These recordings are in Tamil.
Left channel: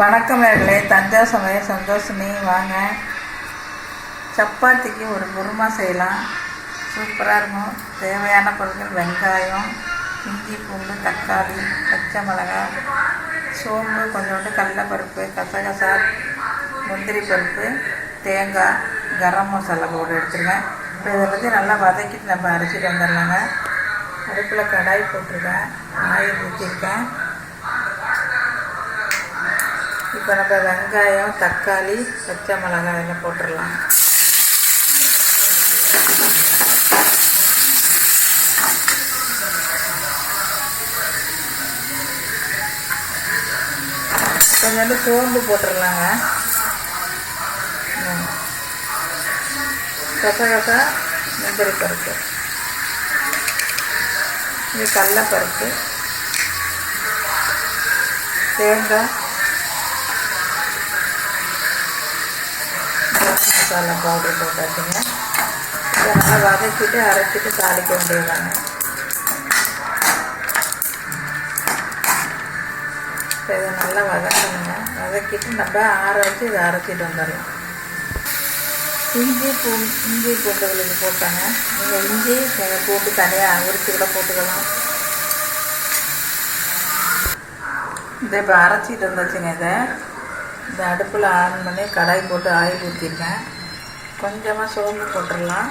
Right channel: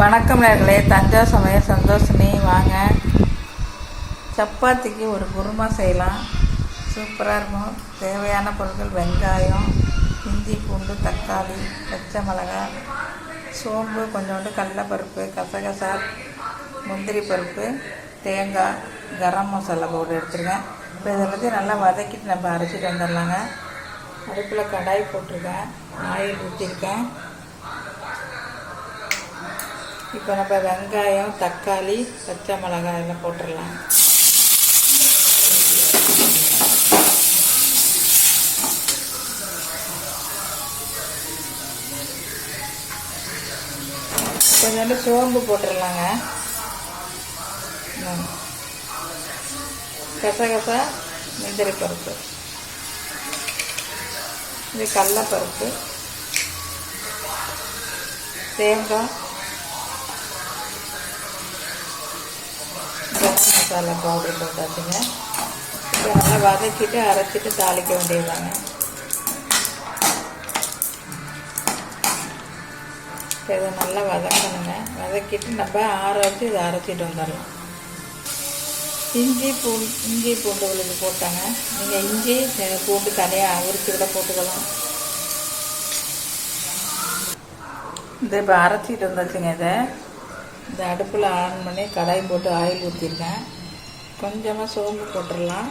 வணக்கம் நேயர்களே, தஞ்சா சமையல் சந்தோஷினி. வாங்க, சப்பாத்திக்கு ஒரு குருமா செய்யலாம். சூப்பராக இருக்கும். தேவையான பொருட்கள்: வெங்காயம், இஞ்சி, பூண்டு, தக்காளி, பச்சை மிளகாய், சோம்பு, கொஞ்சோண்டு கடலைப்பருப்பு, கசகசா, முந்திரி பருப்பு, தேங்காய், கரம் மசாலா பவுடர் எடுத்துருக்கேன். இப்போ இதை பற்றி நல்லா வதக்கிட்டு நம்ம அரைச்சிட்டு வந்துடலாங்க. அடுப்பில் கடாய் போட்டிருக்கேன், ஆயில் ஊற்றிருக்கேன். இப்போ நம்ம வெங்காயம், தக்காளி, பச்சை மிளகாய் எல்லாம் போட்டுடலாம். கொஞ்சோண்டு சோம்பு போட்டுடலாங்க. கசகசா, முந்திரி பருப்பு, இது கடலைப்பருப்பு, தேங்காய், கரம் மசாலா பவுடர் போட்டாச்சுங்க. இதை நல்லா வதக்கிட்டு அரைச்சிட்டு தாளிக்க வேண்டியதாங்க. இப்போ இதை நல்லா வதக்கணுங்க. வதக்கிட்டு நம்ம ஆற வச்சு இதை அரைச்சிட்டு வந்துடலாம். இஞ்சி பூண்டு விழுது போட்டாங்க. நீங்கள் இஞ்சி பூண்டு தனியாக உரிச்சு கூட போட்டுக்கலாம். இதை இப்போ அரைச்சிட்டு வந்துச்சுங்க. இந்த அடுப்பில் ஆன் பண்ணி கடாய் போட்டு ஆயில் ஊற்றிருக்கேன். கொஞ்சமாக சோம்பு போட்டுடலாம்.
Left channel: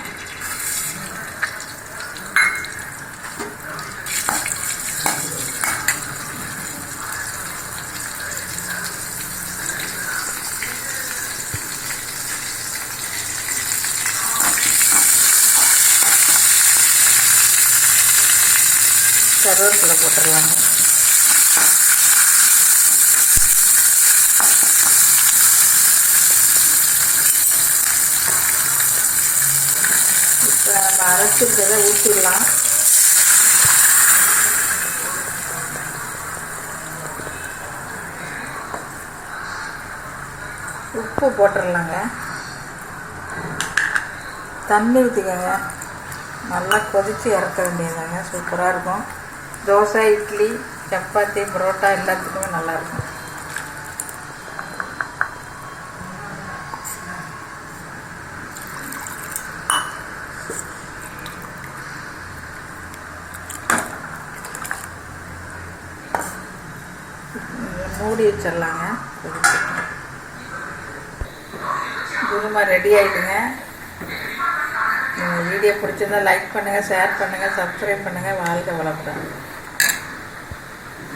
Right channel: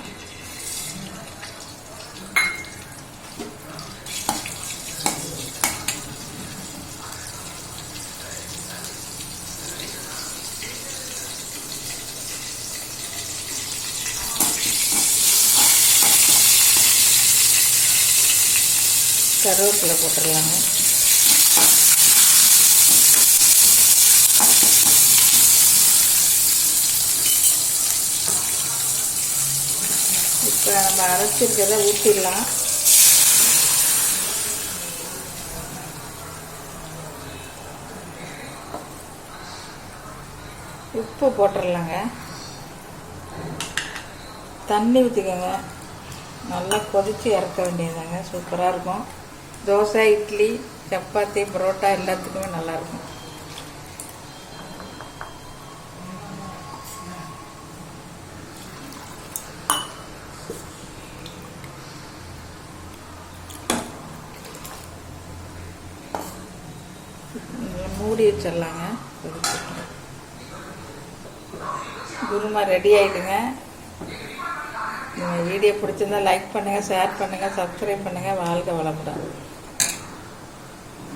கருவேப்பிலை போட்டுடலாங்க. இப்போ நம்ம அரைச்சிருக்கிறத ஊற்றிடலாம். உப்பு போட்டுடலாங்க. தண்ணி ஊற்றிக்கோங்க. நல்லா கொதித்து இறக்க வேண்டியதாங்க. சூப்பராக இருக்கும். தோசை, இட்லி, சப்பாத்தி, பரோட்டா எல்லாத்துக்குமே நல்லாயிருக்கும். மூடி வச்சிடலாங்க. குருமா ரெடி ஆகிடுங்க. வீடியோ பிடிச்சிருந்தா லைக் பண்ணுங்கள், ஷேர் பண்ணுங்கள், சப்ஸ்கிரைப் பண்ணுங்கள். வாழ்க வளமுடன்.